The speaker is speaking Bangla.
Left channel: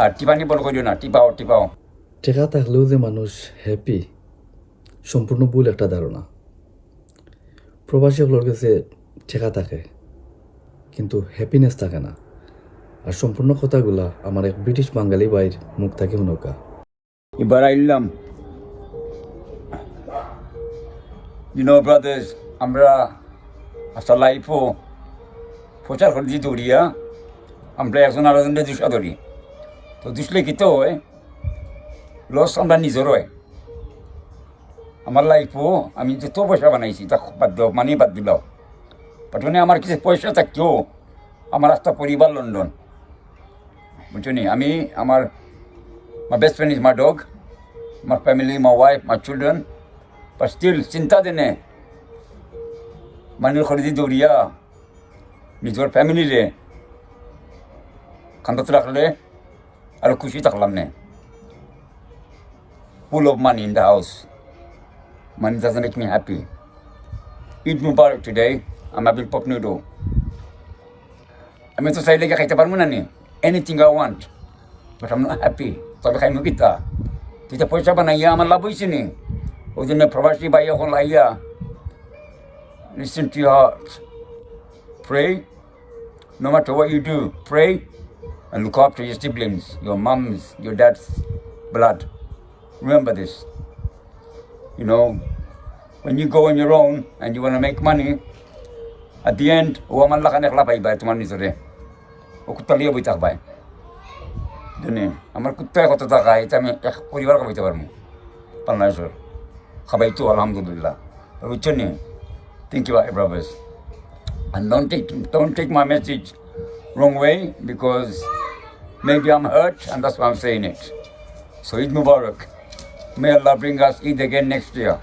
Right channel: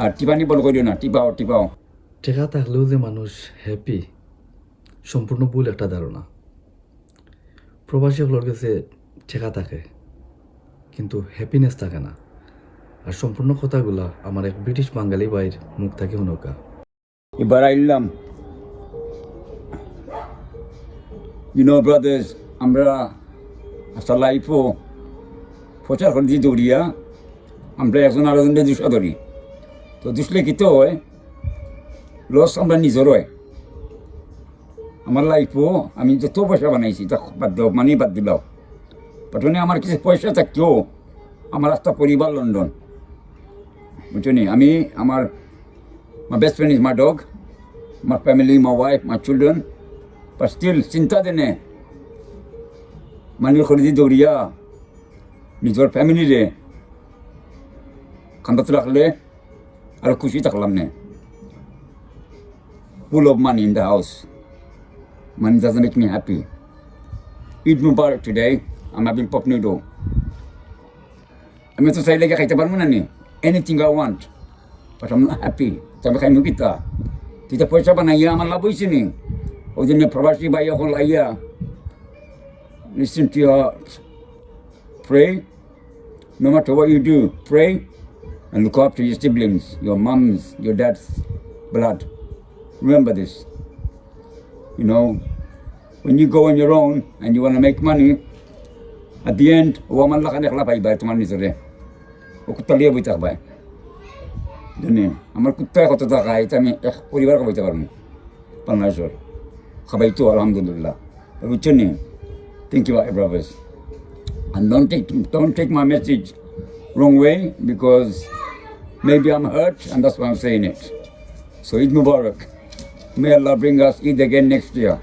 আর টিপানি বল করিও না, টিপাও টিপাও। টেকা থাকলেও যে মানুষ হ্যাপি, সম্পূর্ণ ভুল একটা ধারণা। প্রবাসীগুলোর কাছে টেকা থাকে কিন্তু হ্যাপিনেস থাকে না। আর সম্পূর্ণ কথাগুলা আমার এক ব্রিটিশ বাঙালি ভাইয়ের মুখ থেকে শুনকা। এবার আইলাম, ব্রাদার্স, আমরা আস্তা লাইফও প্রচার করে দিয়ে দৌড়িয়া আমরা একজন আরেকজনকে দুষা ধরি। তো দুষলে কি তো হয়, লস আমরা নিজের হয়। আমার লাইফও আমি যত পয়সা বানাইছি তা বাদ দাও, মানে বাদ দিলাও। পাঠনে আমার কিছু পয়সা থাকতেও আমার একটা পরিবার লন্ডন, বুঝছো নি। আমি আমার my best friend is my dog, my family, my wife, my children. But still চিন্তা দেনে মানুষ করে দিয়ে দৌড়িয়া নিজের ফ্যামিলিরে কান্দাতে রাখলে আরো খুশি থাকলাম নে। Full of money in the house, money doesn't make me happy. Eid Mubarak today. I'm having pop noodle. আমি তো চাইলে খাইতে পারবো না নি, anything I want, but am not happy. তবে খাইমু কিতা, তুই তো পয়সা বানাইয়া আমার লাভ হয়েছে নি। ওই জন্য প্রবাসী ভাই এখন লাইয়া listen to your heart, pray, no matter what you do, pray and look after your siblings, your mums, your dad's blood. Remember this. When you go on your own and you want to make money, at the end, man lang ka naklapay ba, tuman nito rin. O kutaliya ba itak ba? Dun amal kutay ko tatakay, tami, puribar ka ba itakar mo? Panlasor. Kabay ito, alhamdulillah. But thank you, brothers. And don't take my message wrong way, because maybe I'm hurt, and that's why I'm saying it. So Eid Mubarak. May Allah bring us Eid again next year.